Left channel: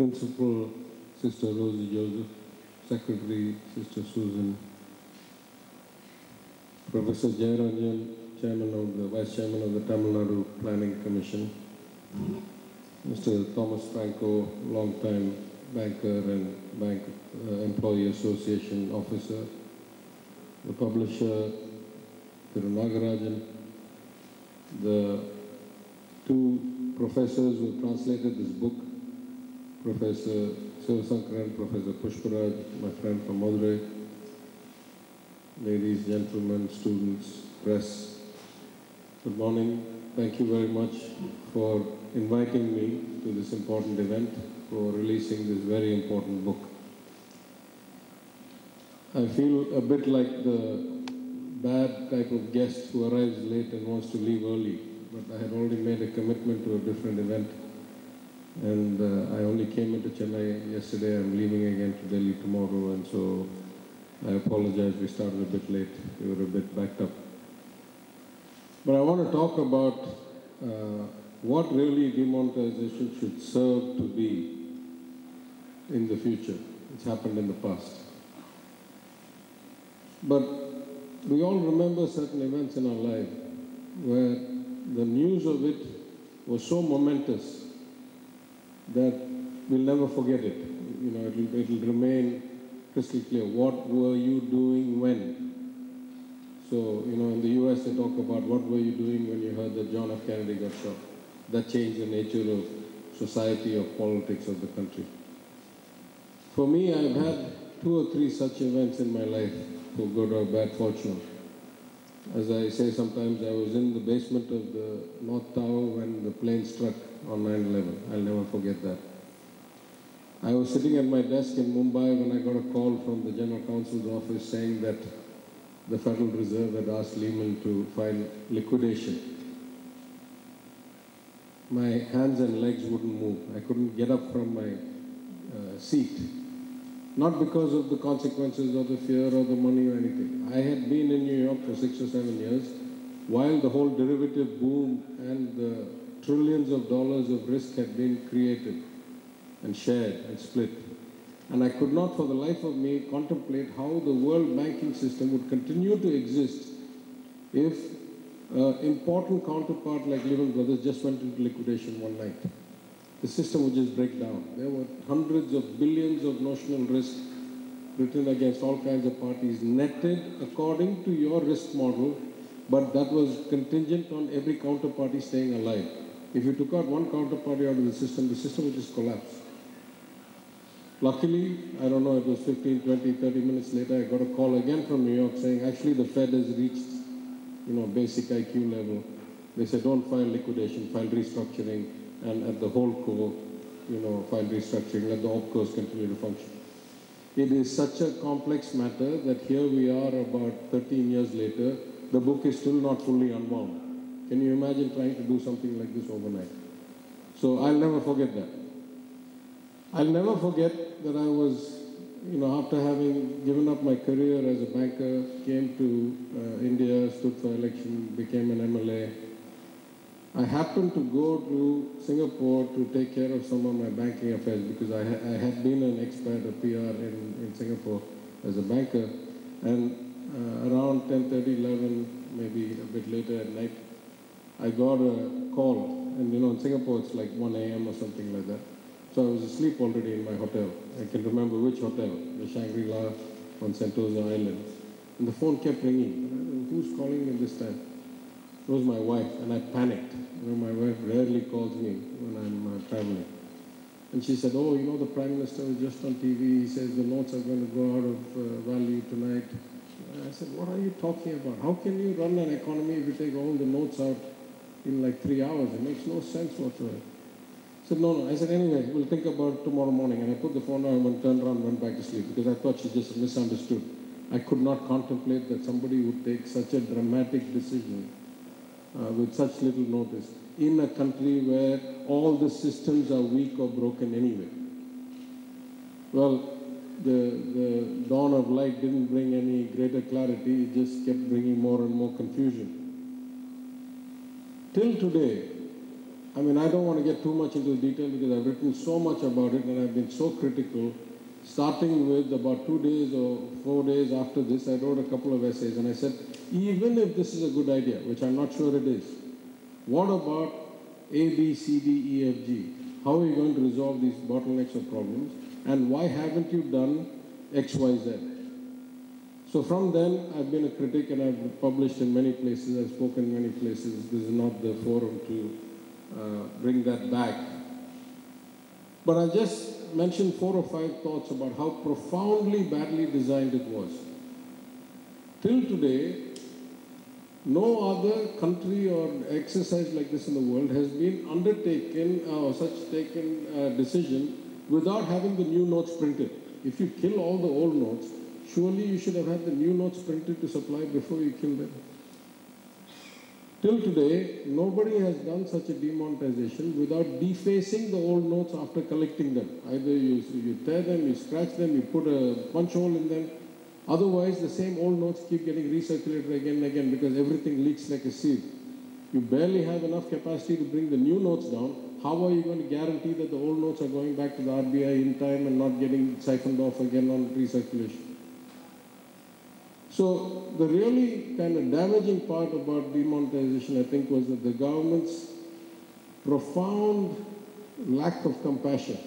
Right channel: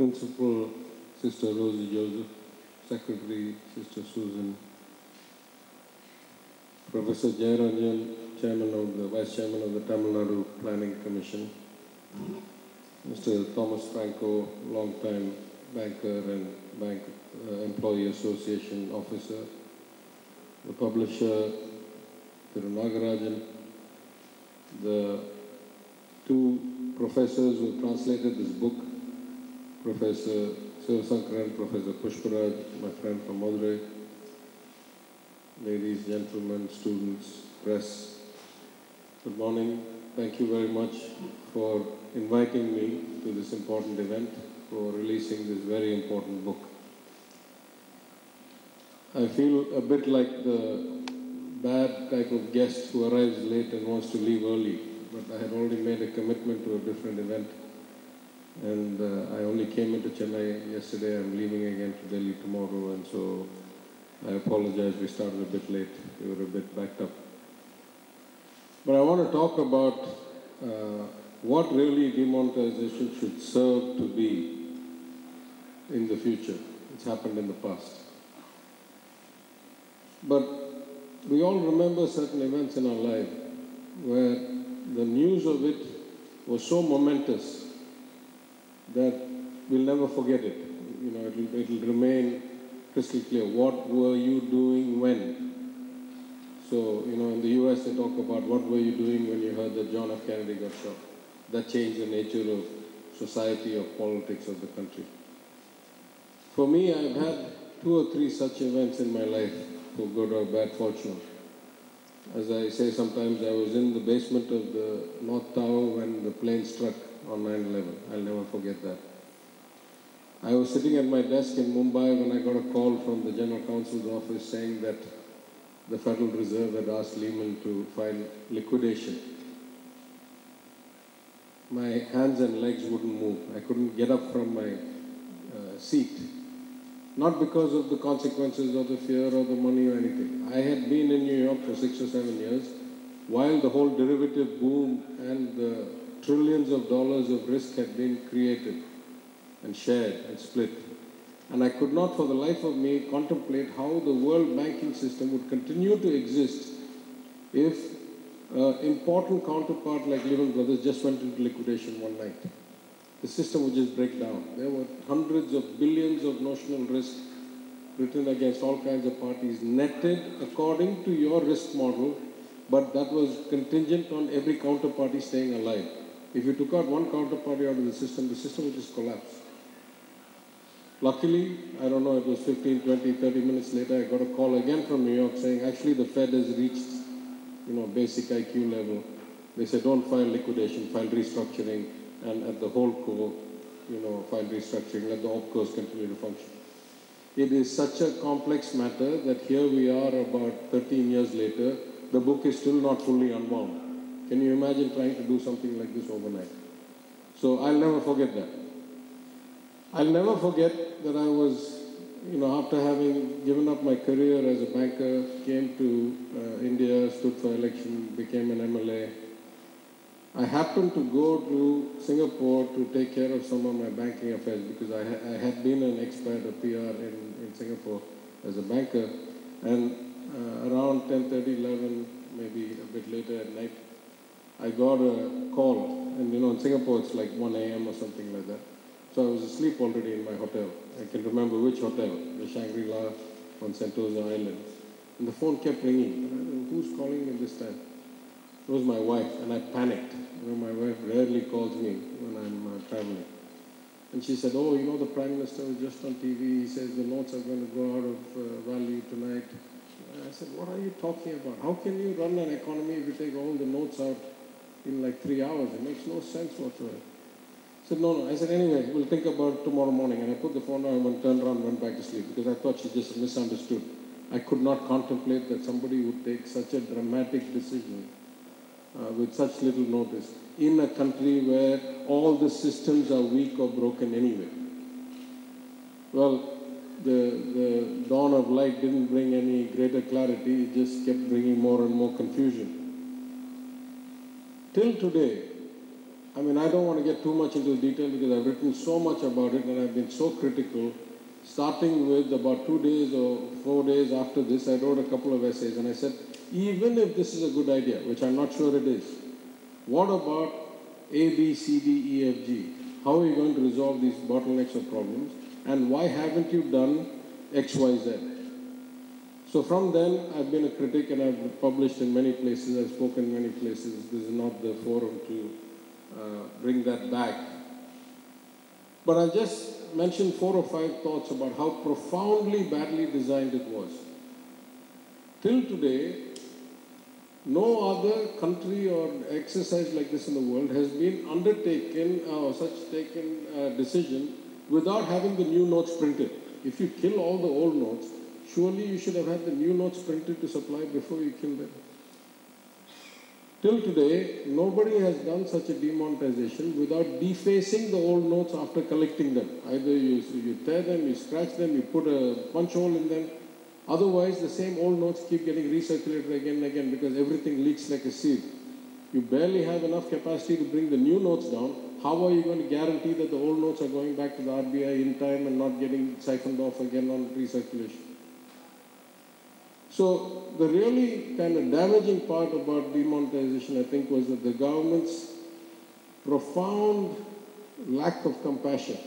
Principal, Sister Rosie Joseph, Secretary, Sister Susan, Professor Jayaranjan, Vice Chairman of the Tamil Nadu Planning Commission, Mr. Thomas Franco, long-time banker and Bank Employee Association officer, the publisher, Thiru Nagarajan, the two professors who translated this book, Professor Sivasankaran, Professor Pushparaj, my friend from Madurai, ladies, gentlemen, students, press, good morning. Thank you very much for inviting me to this important event, for releasing this very important book. I feel a bit like the bad type of guest who arrives late and wants to leave early, but I had already made a commitment to a different event, and I only came into Chennai yesterday. I'm leaving again to Delhi tomorrow, and so I apologize, we started a bit late. We were a bit backed up. But I want to talk about what really demonetization should serve to be in the future. It's happened in the past. But we all remember certain events in our life where the news of it was so momentous that we'll never forget it. You know, it'll remain crystal clear. What were you doing when? So, you know, in the US they talk about what were you doing when you heard that John F. Kennedy got shot. That changed the nature of society, of politics of the country. For me, I've had 2 or 3 such events in my life, for good or bad fortune. As I say sometimes, I was in the basement of the North Tower when the plane struck on 9/11. I'll never forget that. I was sitting at my desk in Mumbai when I got a call from the General Counsel's office saying that the Federal Reserve had asked Lehman to file liquidation. My hands and legs wouldn't move. I couldn't get up from my seat. Not because of the consequences or the fear or the money or anything. I had been in New York for 6 or 7 years while the whole derivative boom and the trillions of dollars of risk had been created and shared and split. And I could not for the life of me contemplate how the world banking system would continue to exist if an important counterpart like Lehman Brothers just went into liquidation one night. The system would just break down. There were hundreds of billions of notional risk written against all kinds of parties, netted according to your risk model, but that was contingent on every counterparty staying alive. If you took out one counterparty out of the system would just collapse. Luckily, I don't know, it was 15, 20, 30 minutes later, I got a call again from New York saying, actually the Fed has reached, you know, basic IQ level. They said, don't file liquidation, file restructuring, and at the whole core, you know, file restructuring, let the opcos continue to function. It is such a complex matter that here we are about 13 years later, the book is still not fully unwound. Can you imagine trying to do something like this overnight? So I'll never forget that. I'll never forget that I was, you know, after having given up my career as a banker, came to India, stood for election, became an MLA. I happened to go to Singapore to take care of some of my banking affairs because I had been an expert, a PR in Singapore as a banker. And around 10:30, 11, maybe a bit later at night, I got a call. And, you know, in Singapore, it's like 1 a.m. or something like that. So I was asleep already in my hotel. I can remember which hotel, the Shangri-La on Sentosa Island. And the phone kept ringing. And I don't know, who's calling me this time? It was my wife, and I panicked. You know, my wife rarely calls me when I'm traveling. And she said, oh, you know, the Prime Minister was just on TV. He says the notes are going to go out of value tonight. And I said, what are you talking about? How can you run an economy if you take all the notes out in like 3 hours? It makes no sense whatsoever. I said, no. I said, anyway, we'll think about it tomorrow morning. And I put the phone down and turned around and went back to sleep because I thought she just misunderstood. I could not contemplate that somebody would take such a dramatic decision with such little notice in a country where all the systems are weak or broken anyway. Well, the dawn of light didn't bring any greater clarity. It just kept bringing more and more confusion. Till today, I mean, I don't want to get too much into detail because I've written so much about it and I've been so critical. Starting with about 2 days or 4 days after this, I wrote a couple of essays and I said, even if this is a good idea, which I'm not sure it is, what about A, B, C, D, E, F, G? How are you going to resolve these bottlenecks or problems? And why haven't you done X, Y, Z? So from then, I've been a critic and I've published in many places, I've spoken in many places. This is not the forum to bring that back. But I just mentioned 4 or 5 thoughts about how profoundly badly designed it was. Till today, no other country or exercise like this in the world has been undertaken or such taken decision without having the new notes printed. If you kill all the old notes, surely you should have had the new notes printed to supply before you kill them. Till today, nobody has done such a demonetization without defacing the old notes after collecting them. Either you tear them, you scratch them, you put a punch hole in them. Otherwise, the same old notes keep getting recirculated again and again because everything leaks like a sieve. You barely have enough capacity to bring the new notes down. How are you going to guarantee that the old notes are going back to the RBI in time and not getting siphoned off again on recirculation? So the really kind of damaging part about demonetization, I think, was that the government's profound lack of compassion,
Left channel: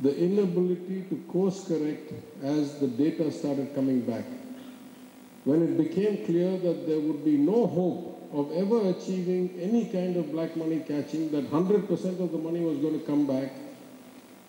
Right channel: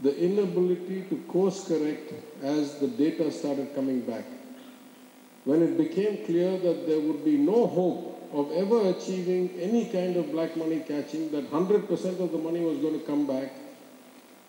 the inability to course correct as the data started coming back. When it became clear that there would be no hope of ever achieving any kind of black money catching, that 100% of the money was going to come back,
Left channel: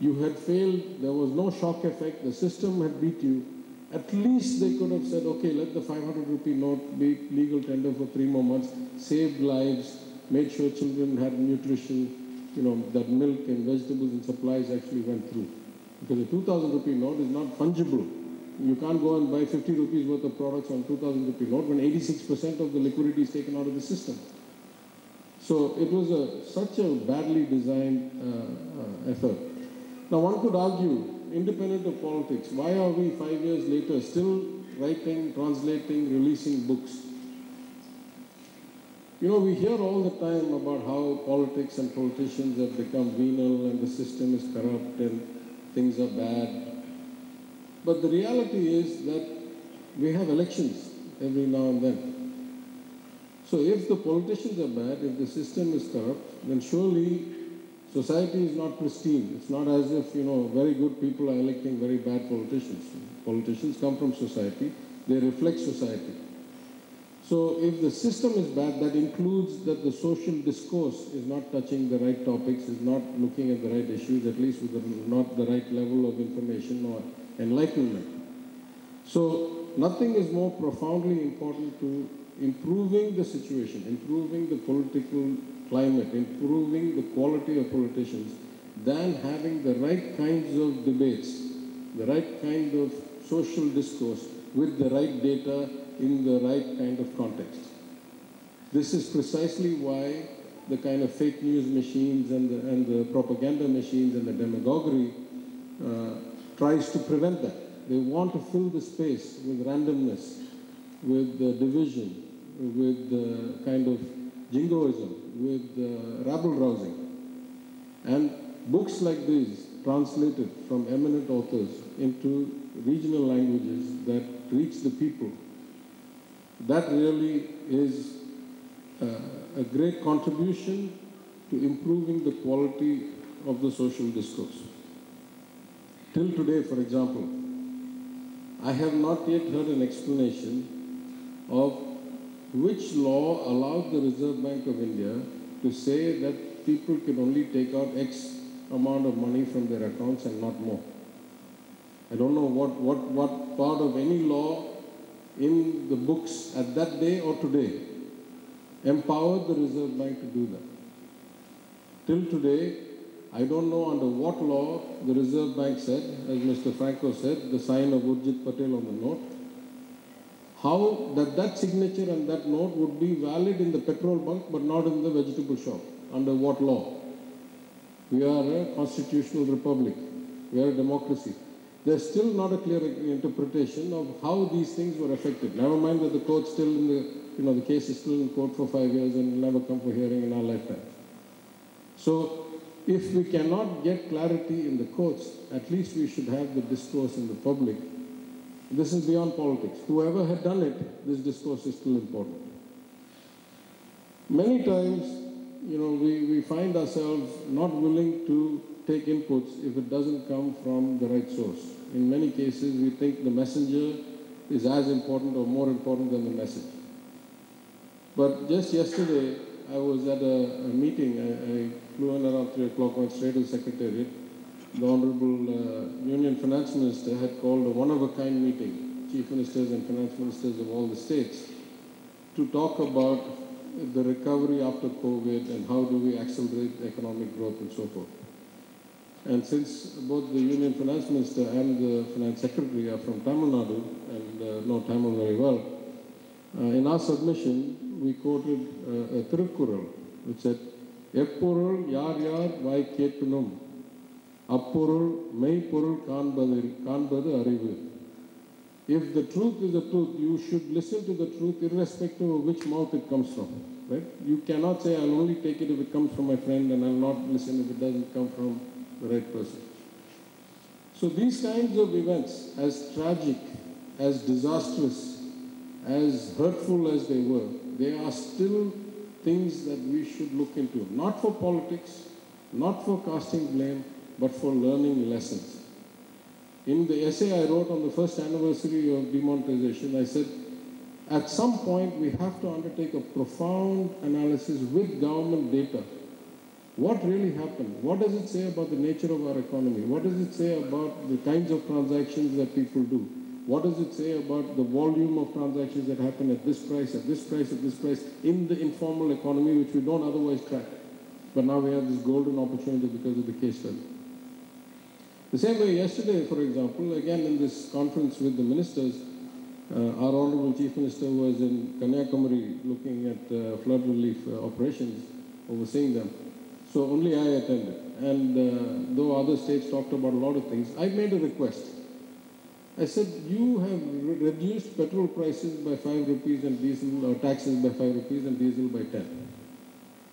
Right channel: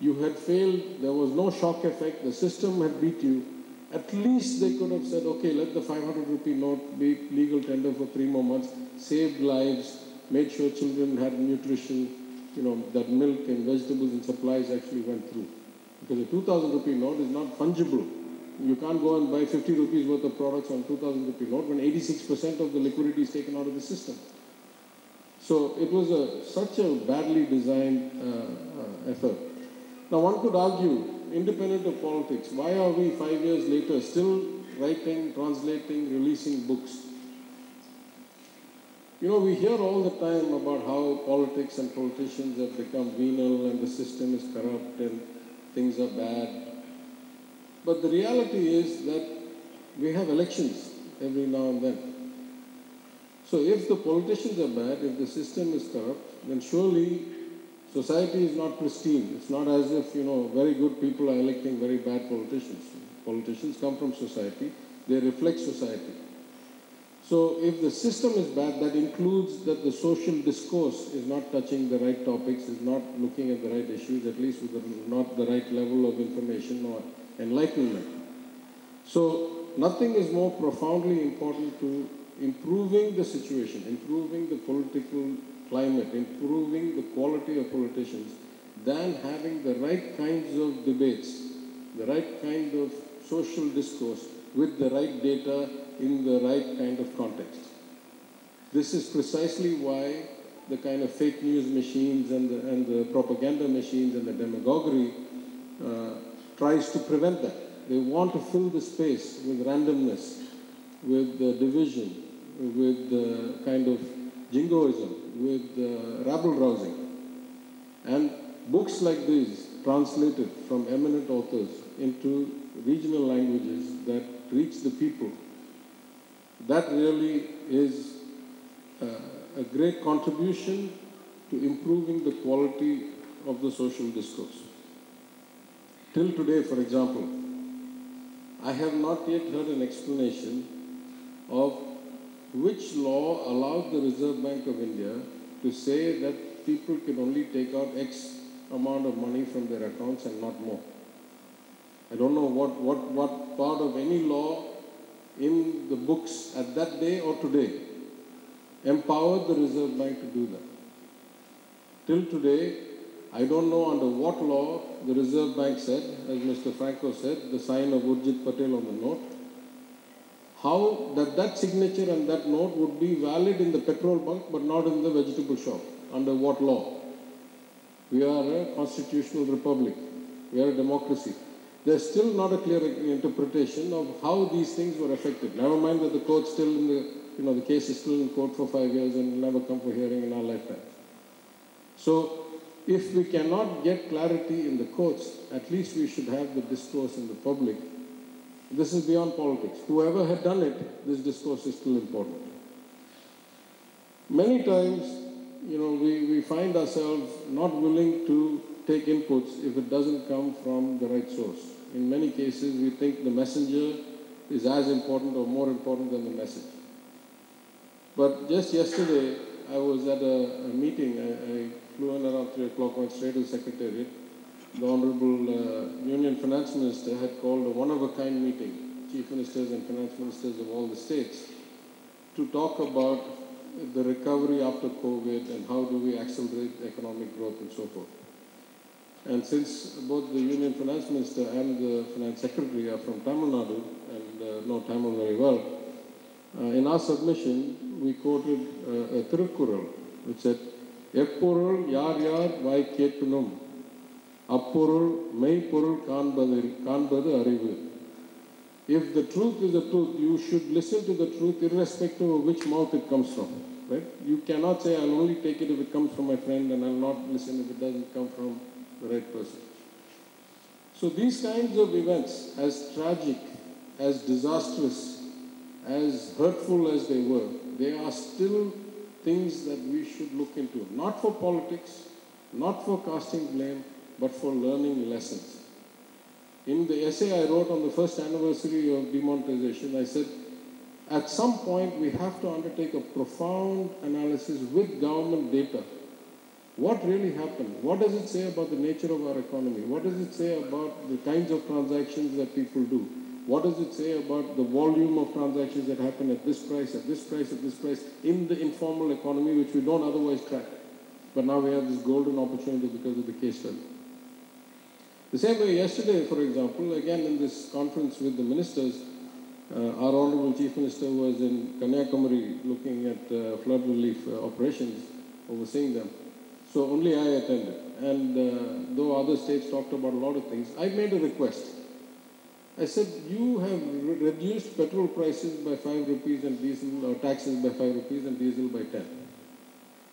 you had failed, there was no shock effect, the system had beat you. At least they could have said, okay, let the 500 rupee note be legal tender for 3 more months, saved lives, made sure children had nutrition, that milk and vegetables and supplies actually went through. Because a 2,000 rupee note is not fungible. You can't go and buy 50 rupees worth of products on 2,000 rupee note when 86% of the liquidity is taken out of the system. So it was such a badly designed effort. Now one could argue, independent of politics, why are we 5 years later still writing, translating, releasing books? We hear all the time about how politics and politicians have become venal and the system is corrupt and things are bad. But the reality is that we have elections every now and then. So if the politicians are bad, if the system is corrupt, then surely society is not pristine. It's not as if, very good people are electing very bad politicians. Politicians come from society. They reflect society. So if the system is bad, that includes that the social discourse is not touching the right topics, is not looking at the right issues, at least with not the right level of information or enlightenment. So nothing is more profoundly important to improving the situation, improving the political climate, improving the quality of politicians, than having the right kinds of debates, the right kind of social discourse with the right data in the right kind of context. This is precisely why the kind of fake news machines and the propaganda machines and the demagoguery tries to prevent that. They want to fill the space with randomness, with division, with kind of jingoism, with rabble-rousing. And books like these, translated from eminent authors into regional languages that reach the people, that really is a great contribution to improving the quality of the social discourse. Till today, for example, I have not yet heard an explanation of which law allowed the Reserve Bank of India to say that people can only take out X amount of money from their accounts and not more. I don't know what part of any law in the books at that day or today empowered the Reserve Bank to do that. Till today, I don't know under what law the Reserve Bank said, as Mr. Franco said, the sign of Urjit Patel on the note, how that signature and that note would be valid in the petrol bunk but not in the vegetable shop. Under what law? We are a constitutional republic. We are a democracy. There's still not a clear interpretation of how these things were affected. Never mind that the court's still in the case is still in court for 5 years and will never come for hearing in our lifetime. So if we cannot get clarity in the courts, at least we should have the discourse in the public. This is beyond politics. Whoever had done it, this discourse is still important. Many times, we find ourselves not willing to take inputs if it doesn't come from the right source. In many cases, we think the messenger is as important or more important than the message. But just yesterday, I was at a meeting. I flew in around 3 o'clock, went straight to the Secretariat. The Honorable Union Finance Minister had called a one-of-a-kind meeting, chief ministers and finance ministers of all the states, to talk about the recovery after COVID and how do we accelerate economic growth and so forth. And since both the Union Finance Minister and the Finance Secretary are from Tamil Nadu and know Tamil very well, in our submission, we quoted a Tirukkural, which said, "Eppurul yar yar vai kettunum, appurul meipurul kanbadu arivu." If the truth is the truth, you should listen to the truth irrespective of which mouth it comes from. Right? You cannot say, "I'll only take it if it comes from my friend and I'll not listen if it doesn't come from the right person." So these kinds of events, as tragic, as disastrous, as hurtful as they were, they are still things that we should look into. Not for politics, not for casting blame, but for learning lessons. In the essay I wrote on the first anniversary of demonetization, I said, at some point we have to undertake a profound analysis with government data. What really happened? What does it say about the nature of our economy? What does it say about the kinds of transactions that people do? What does it say about the volume of transactions that happen at this price, at this price, at this price, in the informal economy, which we don't otherwise track? But now we have this golden opportunity because of the case study. The same way yesterday, for example, again in this conference with the ministers, our Honorable Chief Minister was in Kanyakumari looking at flood relief operations, overseeing them. So only I attended. And though other states talked about a lot of things, I made a request. I said, you have reduced petrol prices by 5 rupees and diesel, or taxes by 5 rupees and diesel by 10.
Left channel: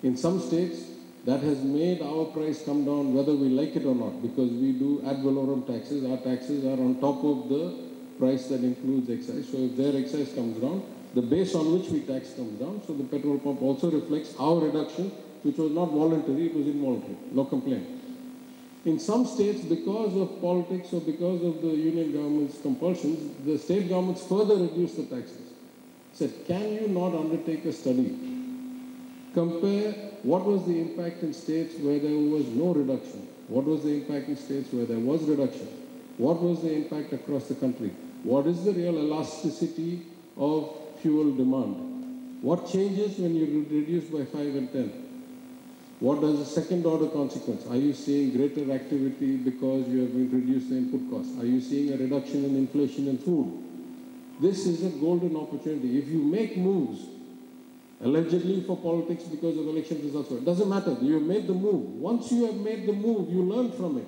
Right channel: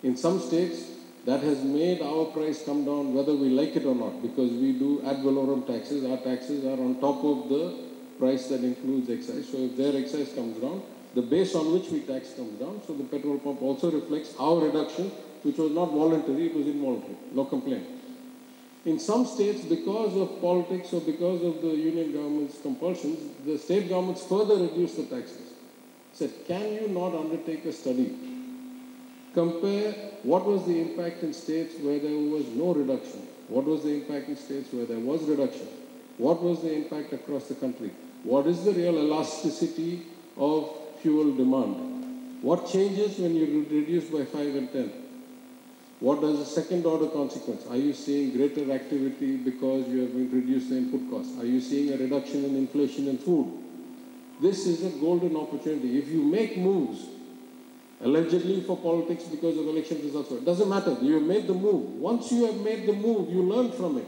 In some states, that has made our price come down whether we like it or not, because we do ad valorem taxes. Our taxes are on top of the price that includes excise. So if their excise comes down, the base on which we tax comes down. So the petrol pump also reflects our reduction, which was not voluntary, it was involuntary. No complaint. In some states, because of politics or because of the union government's compulsions, the state governments further reduced the taxes. Said, can you not undertake a study? Compare what was the impact in states where there was no reduction. What was the impact in states where there was reduction? What was the impact across the country? What is the real elasticity of fuel demand? What changes when you reduce by 5 and 10? What does the second order consequence? Are you seeing greater activity because you have reduced the input costs? Are you seeing a reduction in inflation in food? This is a golden opportunity. If you make moves, allegedly for politics because of election results, it doesn't matter. You have made the move. Once you have made the move, you learn from it.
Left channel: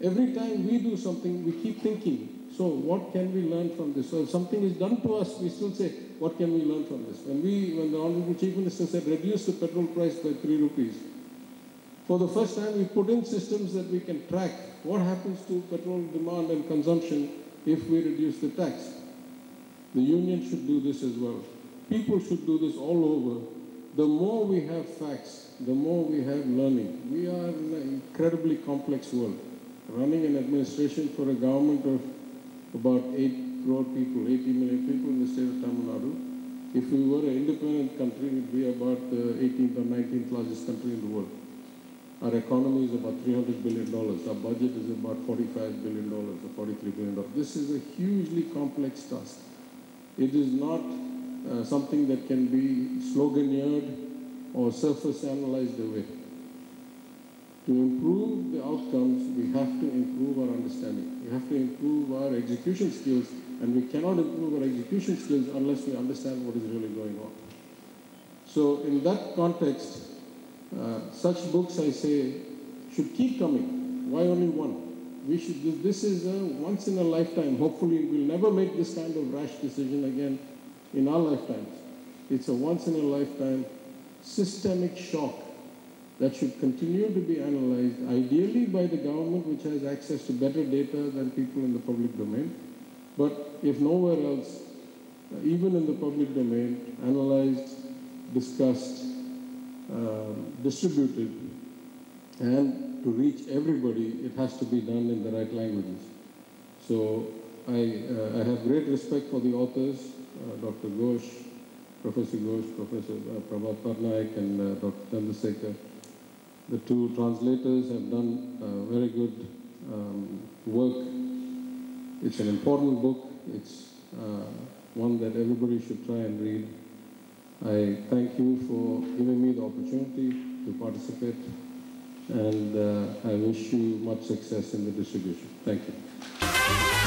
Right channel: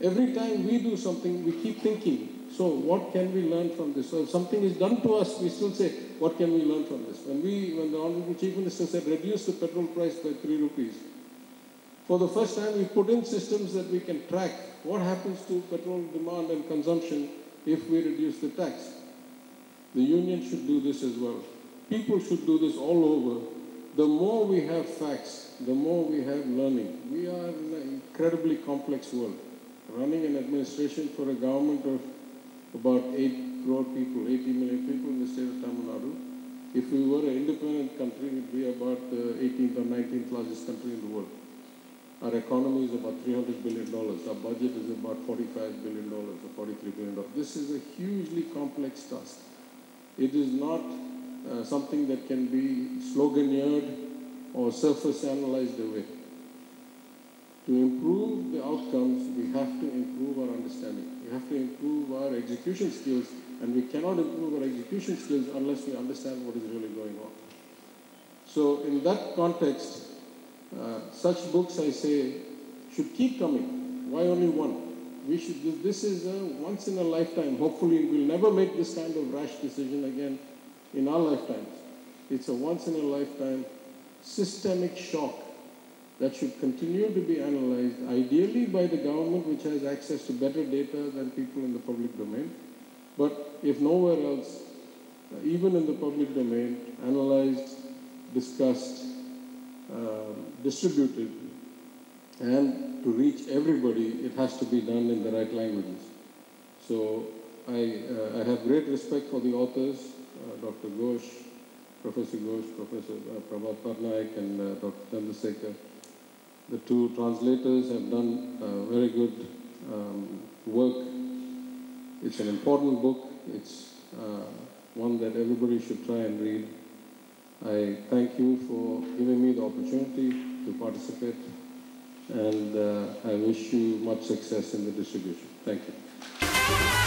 Every time we do something, we keep thinking, so what can we learn from this? So if something is done to us, we still say, what can we learn from this? When the Honorable Chief Minister said, reduce the petrol price by 3 rupees, for the first time we put in systems that we can track what happens to petrol demand and consumption if we reduce the tax. The union should do this as well. People should do this all over. The more we have facts, the more we have learning. We are in an incredibly complex world. Running an administration for a government of about 8 crore people, 80 million people in the state of Tamil Nadu. If we were an independent country, we'd be about the 18th or 19th largest country in the world. Our economy is about $300 billion. Our budget is about $45 billion or $43 billion. This is a hugely complex task. It is not something that can be sloganeered or surface analyzed away. To improve the outcomes, we have to improve our understanding. We have to improve our execution skills, and we cannot improve our execution skills unless we understand what is really going on. So in that context, such books, I say, should keep coming. Why only one? This is a once in a lifetime. Hopefully we'll never make this kind of rash decision again in our lifetimes. It's a once in a lifetime systemic shock that should continue to be analyzed, ideally by the government, which has access to better data than people in the public domain. But if nowhere else, even in the public domain, analyzed, discussed, distributed, and to reach everybody, it has to be done in the right languages. So I have great respect for the authors, Dr. Ghosh, Professor Ghosh, Professor Prabhat Patnaik, and Dr. Chandrasekhar. The two translators have done very good work. It's an important book. It's one that everybody should try and read. I thank you for giving me the opportunity to participate, and I wish you much success in the distribution. Thank you.